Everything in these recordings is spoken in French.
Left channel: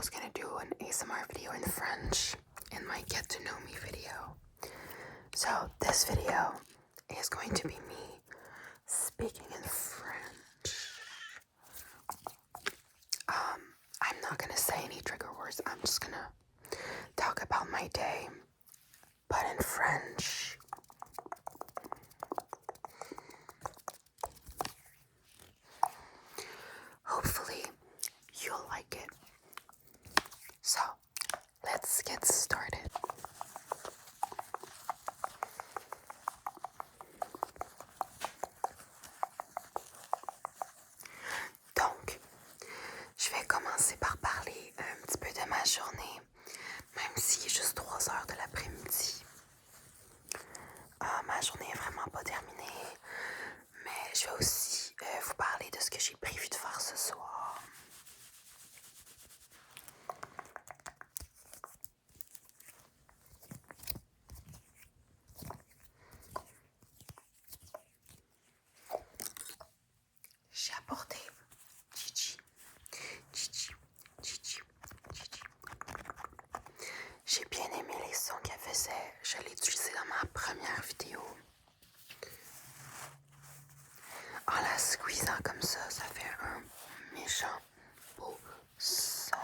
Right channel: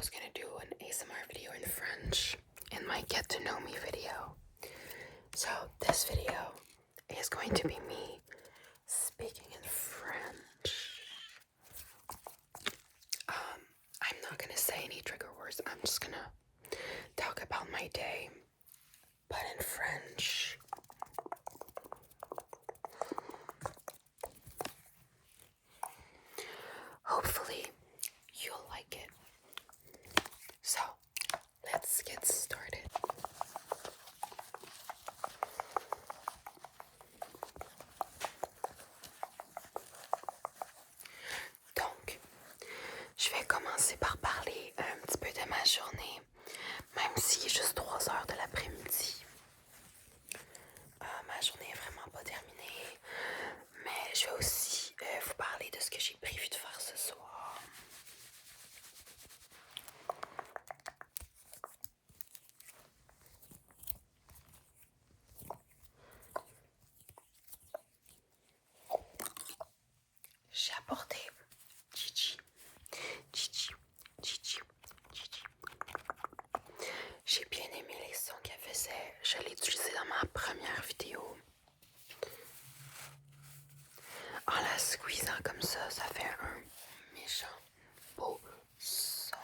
was gonna do an ASMR video in French in my get to know me video. So this video is going to be me speaking in French. I'm not gonna say any trigger words. I'm just gonna talk about my day, but in French. Hopefully you'll like it. So let's get started. Donc, je vais commencer par parler un petit peu de ma journée, même s'il est juste 3 heures de l'après-midi. Ma journée est vraiment pas terminée, mais je vais aussi vous parler de ce que j'ai prévu de faire ce soir. J'ai apporté Gigi. J'ai bien aimé les sons qu'elle faisait. Je l'ai utilisé dans ma première vidéo. En la squeezant comme ça fait un méchant beau son,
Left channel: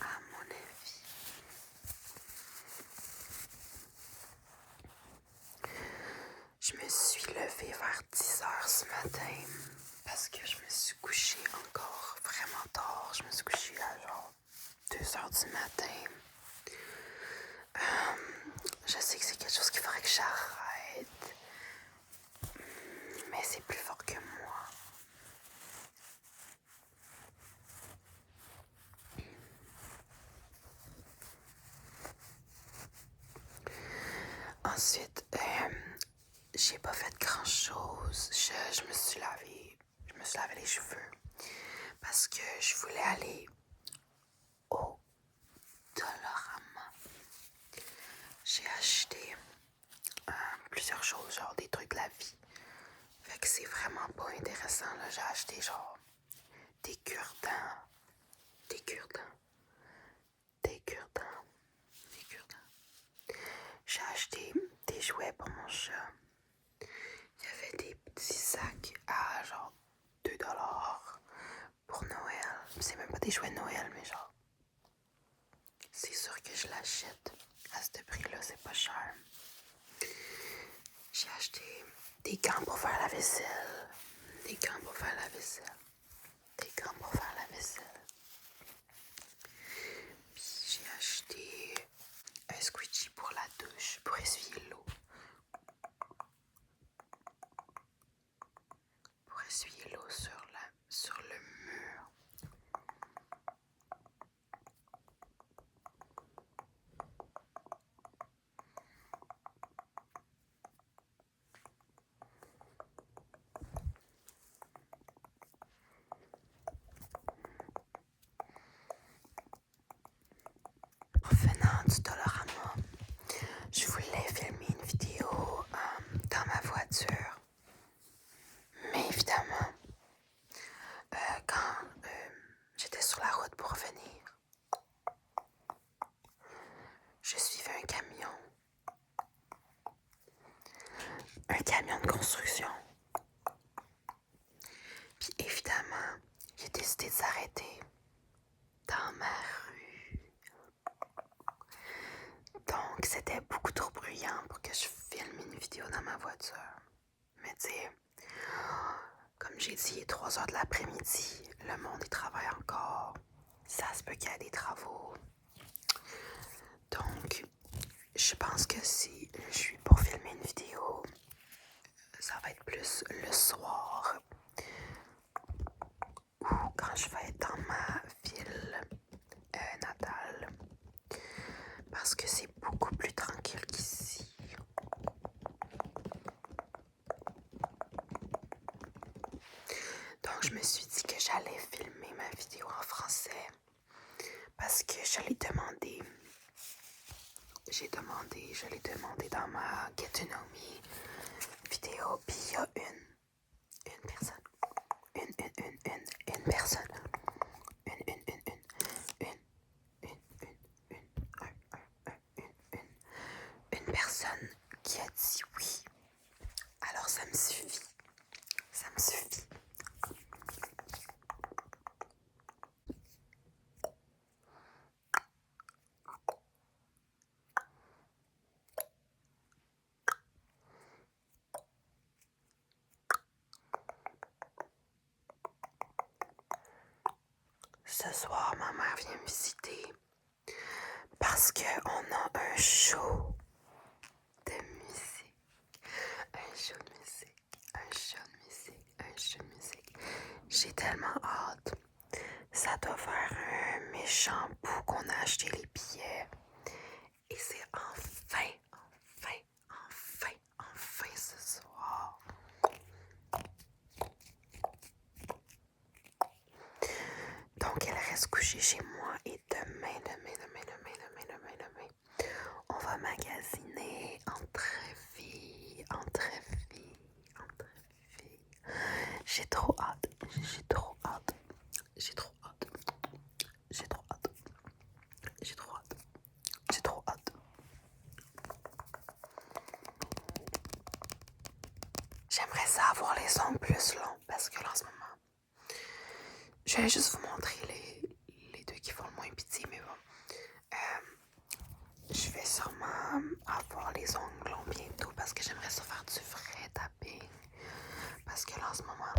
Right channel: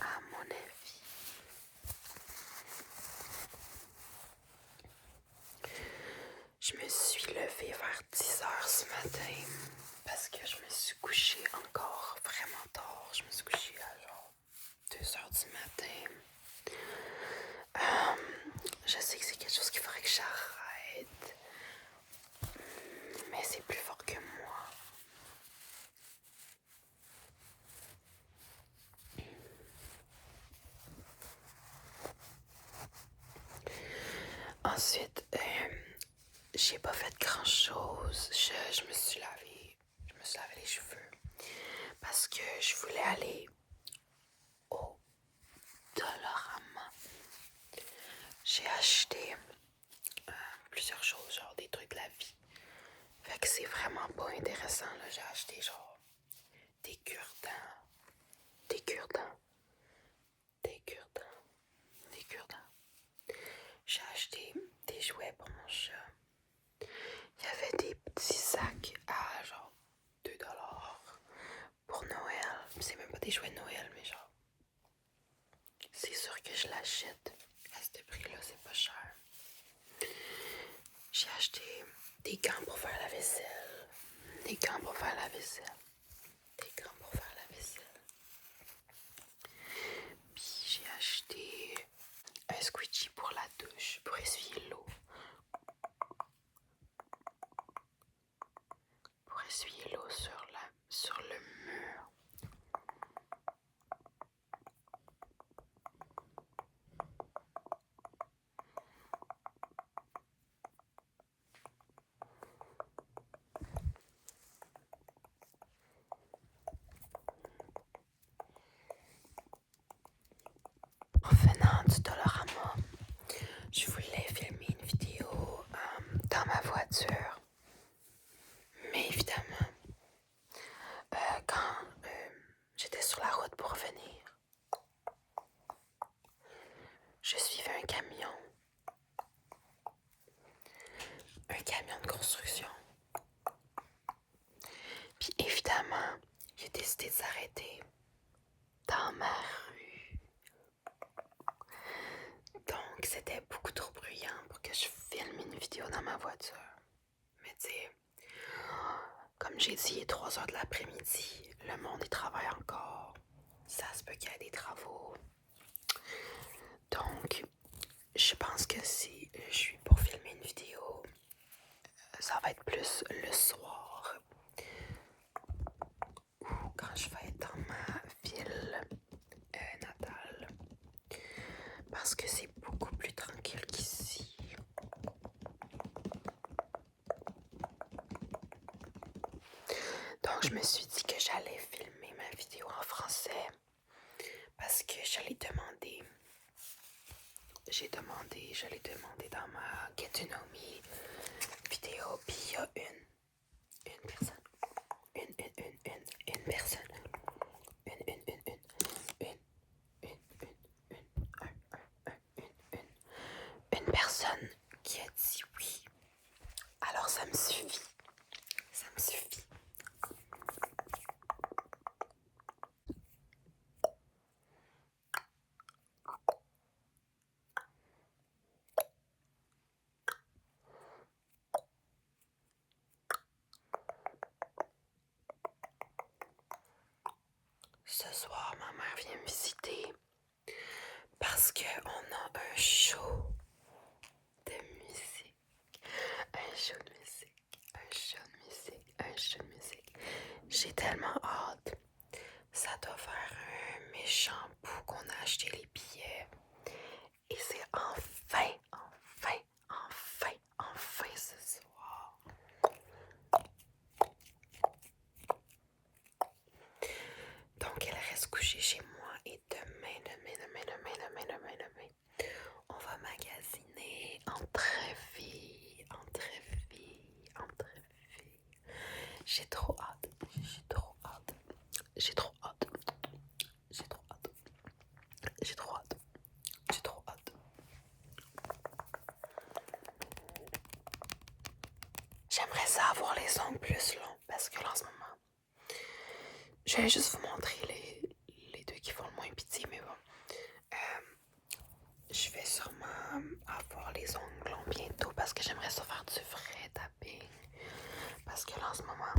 à mon avis. Je me suis levée vers 10 heures ce matin parce que je me suis couchée encore vraiment tard. Je me suis couchée à genre 2 heures du matin. Je sais que c'est quelque chose qu'il faudrait que j'arrête, mais c'est plus fort que moi. Ensuite, j'ai pas fait grand chose. Je me suis lavé les cheveux parce que je voulais aller au Dollarama. J'ai acheté plusieurs choses, genre des trucs de la vie. Fait que c'est vraiment pas intéressant là. J'ai acheté genre des cure-dents. J'ai acheté des jouets pour mon chat. Il y avait des petits sacs à genre 2$ pour Noël. C'est même pas des jouets de Noël, mais genre, c'est sûr que je l'achète. À ce prix-là, c'est pas cher. J'ai acheté des gants pour faire la vaisselle. Puis j'ai acheté un squeegee pour la douche, pour essuyer l'eau. Pour essuyer l'eau sur le mur. Venant du Dollarama, je voulais filmer une vidéo dans ma voiture. Mais évidemment, quand j'étais sur la route pour revenir, je suivais un camion de construction. Puis évidemment, j'ai décidé de s'arrêter dans ma rue. Donc c'était beaucoup trop bruyant pour que je filme une vidéo dans ma voiture. Mais tu sais, comme j'ai dit, il est 3 heures de l'après-midi, le monde y travaille encore. Ça se peut qu'il y ait des travaux. Donc, je pense que si je suis pour filmer une vidéo, ça va être plus le soir ou quand je vais être dans ma ville natale. Parce que c'est beaucoup plus tranquille qu'ici. Donc, je me suis dit que j'allais filmer ma vidéo en français parce que je l'ai demandé. Je l'ai demandé dans ma Get to Know Me vidéo. Puis il y a une personne. Une personne. Une une personne qui a dit oui. Alors ça me suffit. Ça me suffit. Ce soir, ma mère vient me visiter parce qu'on a un show de musique. Un show de musique. Un show de musique. Un show de musique. J'ai tellement hâte. Ça doit faire un méchant bout qu'on a acheté les billets. Et c'est enfin ce soir. Donc elle reste couchée chez moi et demain, on va magasiner entre filles. J'ai trop hâte. J'aimerais ça avoir les ongles plus longs parce que là en ce moment, je vais juste vous montrer les deux qui font le moins pitié, mais bon. Je vais sûrement avoir les ongles longs bientôt parce que j'aimerais ça faire du vrai tapping. Parce que là en ce moment,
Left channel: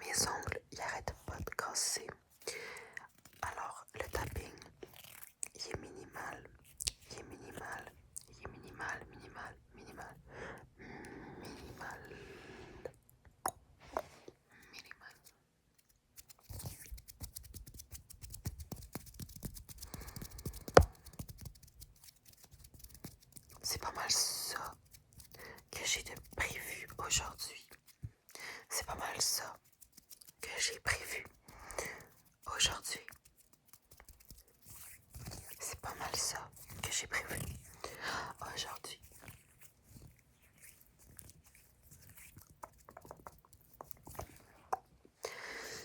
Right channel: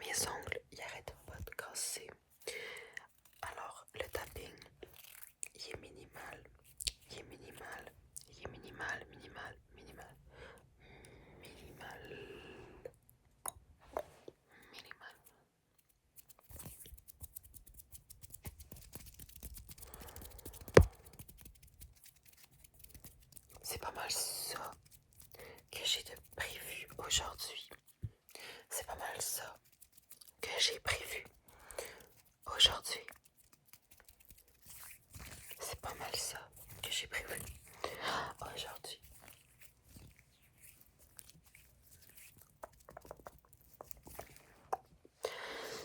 mes ongles, ils arrêtent pas de casser. Alors, le tapping, il est minimal. C'est pas mal ça que j'ai de prévu aujourd'hui. C'est pas mal ça que j'ai prévu aujourd'hui. C'est pas mal ça que j'ai prévu aujourd'hui.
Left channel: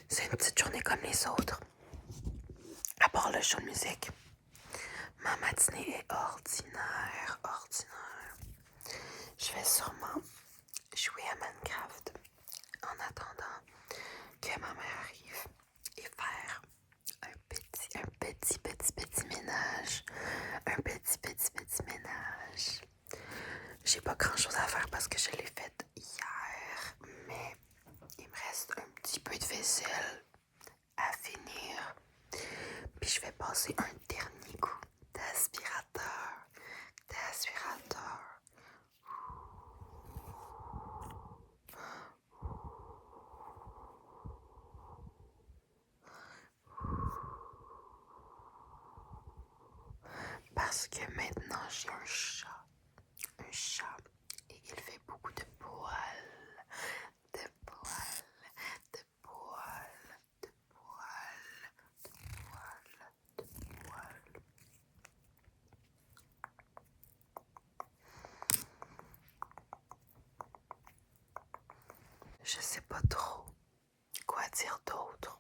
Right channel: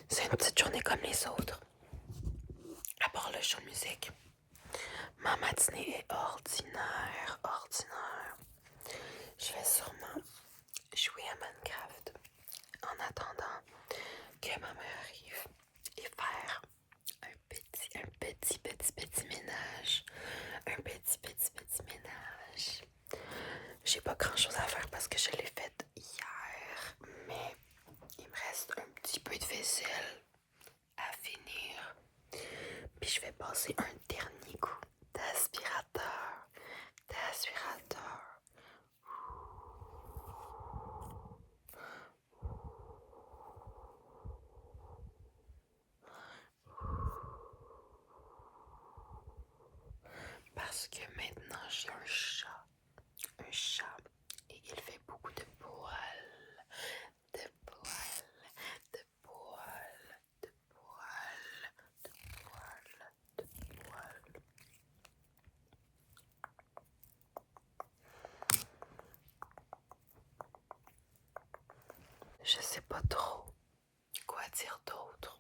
C'est une petite journée comme les autres. À part le show de musique. Ma matinée est ordinaire. Je vais sûrement jouer à Minecraft en attendant que ma mère arrive et faire un petit ménage. Un petit ménage. J'ai pas grand chose à faire parce que je l'ai fait hier, mais il me reste un petit peu de vaisselle à finir. Puis je vais passer un dernier coup d'aspirateur. Parce que maintenant j'ai un chat, et il fait beaucoup de poils. Je sais pas trop quoi dire d'autre.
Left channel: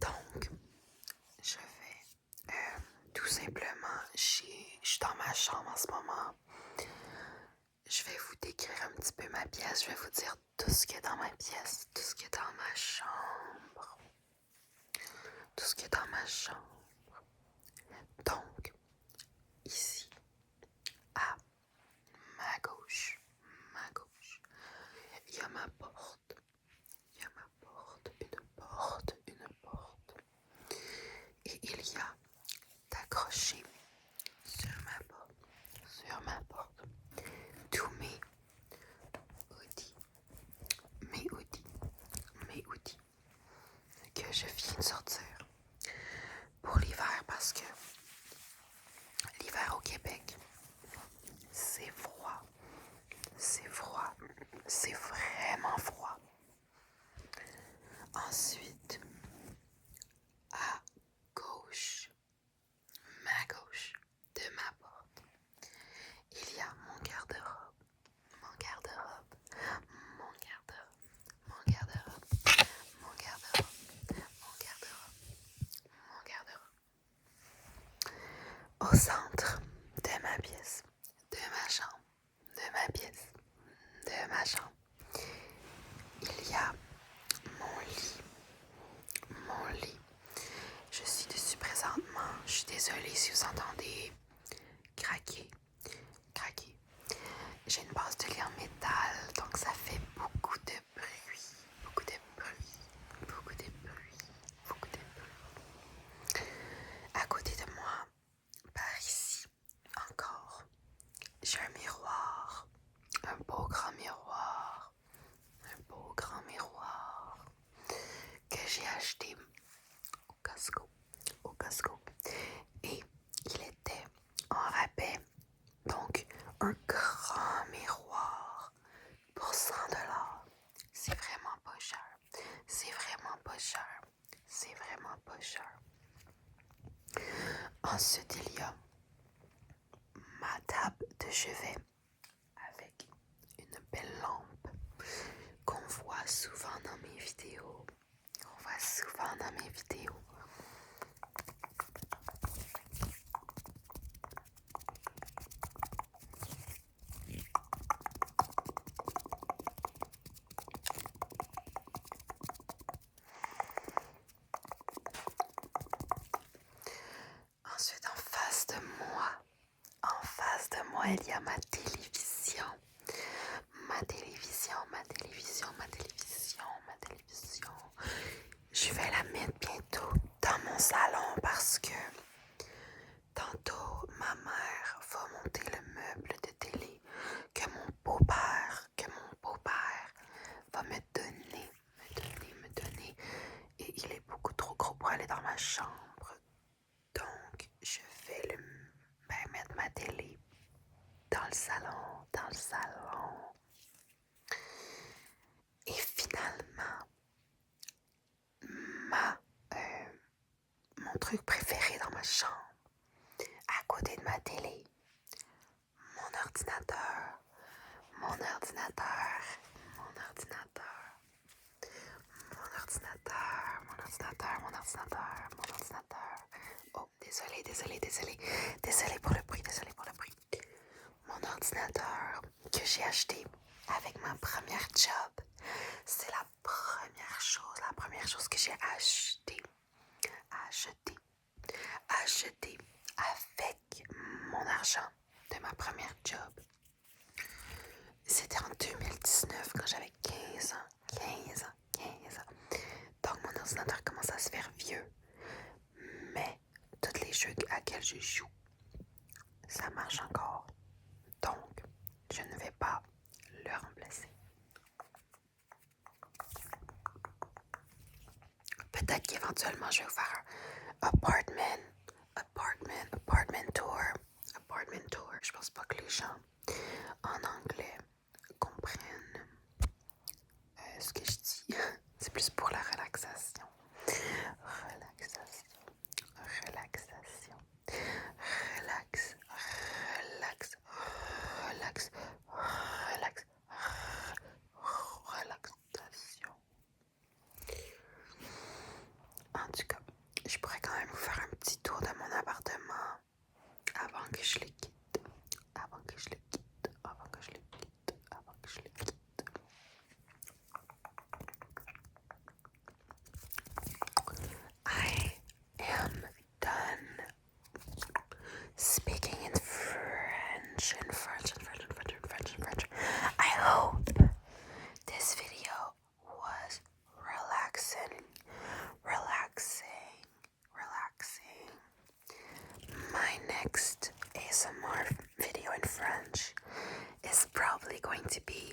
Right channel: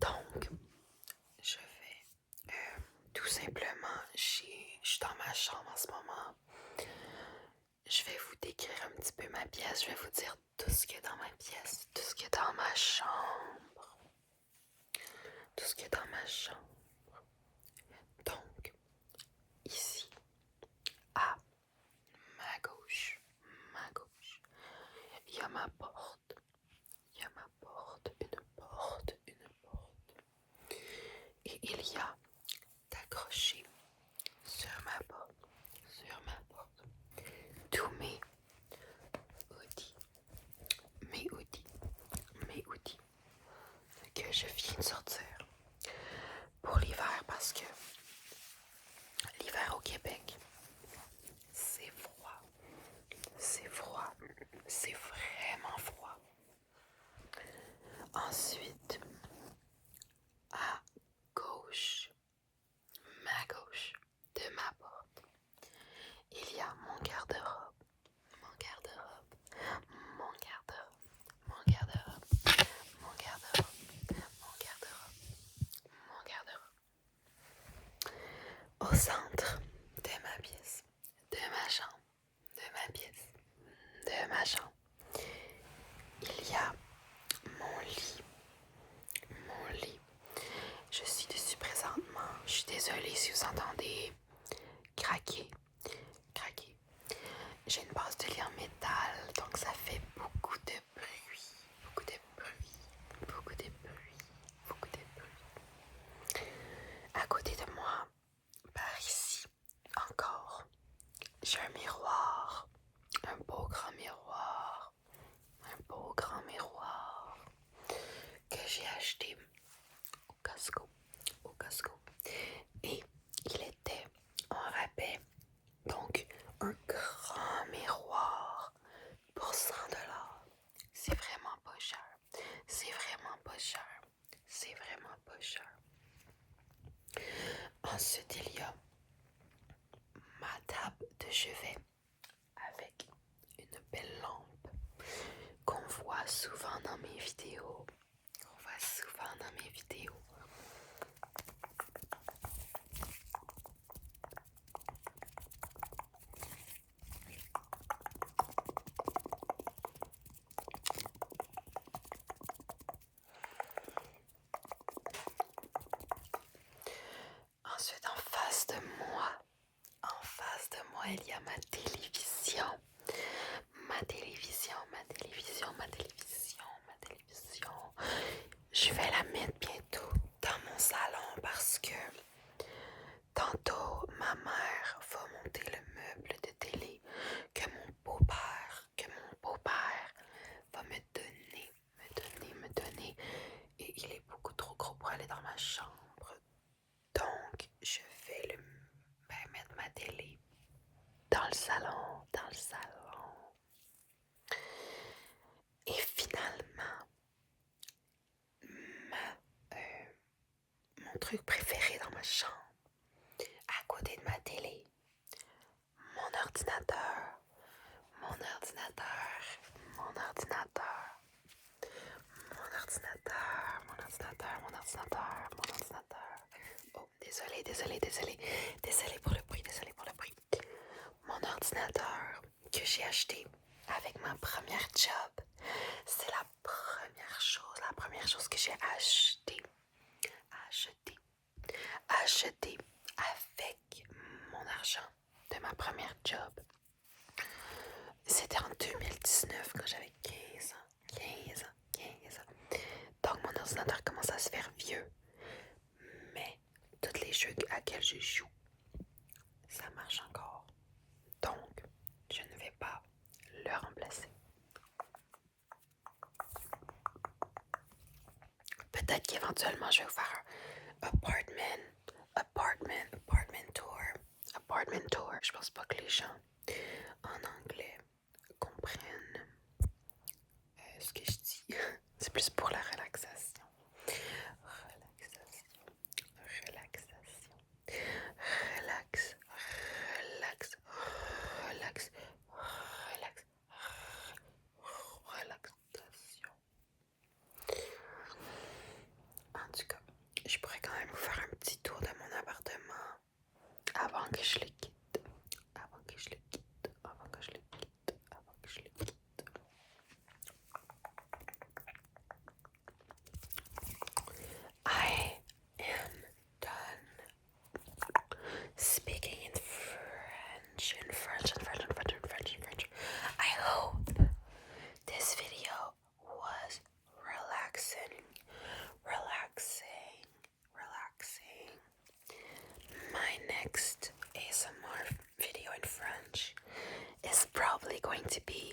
Donc, je vais tout simplement, je suis dans ma chambre en ce moment. Je vais vous décrire un petit peu ma pièce. Je vais vous dire tout ce qu'il y a dans ma pièce, tout ce qu'il y a dans ma chambre. Donc, ici, à ma gauche, il y a ma porte. Une porte. Et il y a accroché sur ma porte, tous mes hoodies que je viens de sortir pour l'hiver parce que l'hiver au Québec, c'est froid, c'est vraiment froid. Ensuite, à gauche, ma gauche de ma porte, il y a mon garde-robe. j'ai une base de lit en métal, donc ça fait beaucoup de bruit, beaucoup de bruit, beaucoup de bruit, beaucoup de bruit. À côté de moi, par ici, encore, j'ai un miroir, un beau grand miroir, un beau grand miroir que j'ai acheté au Costco, et il était en rabais, donc un grand miroir pour 100 $. C'est vraiment pas cher, c'est vraiment pas cher, c'est vraiment pas cher. Ensuite, il y a ma table de chevet avec une belle lampe qu'on voit souvent dans mes vidéos. Ensuite, en face de moi, il y a ma télévision. Je vais la mettre bientôt dans mon salon parce que tantôt, ma mère va monter le meuble de télé que mon beau-père va me donner. Et il est beaucoup trop gros pour aller dans ma chambre. Donc, je vais mettre ma télé dans le salon. Et finalement, mon truc préféré dans ma chambre, à côté de ma télé, mon ordinateur. Oh, désolé pour le bruit. Mon ordinateur que j'ai acheté avec ma première job, c'est la première chose que j'ai acheté avec mon argent de ma première job. C'était en 2019 quand j'avais 15 ans. Donc mon ordinateur commence à se faire vieux. Mais tous les jeux à quels je joue, ça marche encore. Donc, je ne vais pas le remplacer. Peut-être qu'éventuellement, je vais vous faire un apartment tour. Je pense pas que les gens en anglais comprennent ce que je dis. C'est plus pour la relaxation. Relaxation. En tout cas, je pourrais quand même vous faire un petit tour de mon appartement avant que je le quitte. I am done speaking in French. I hope this video was relaxing. My next ASMR video in French is probably going to be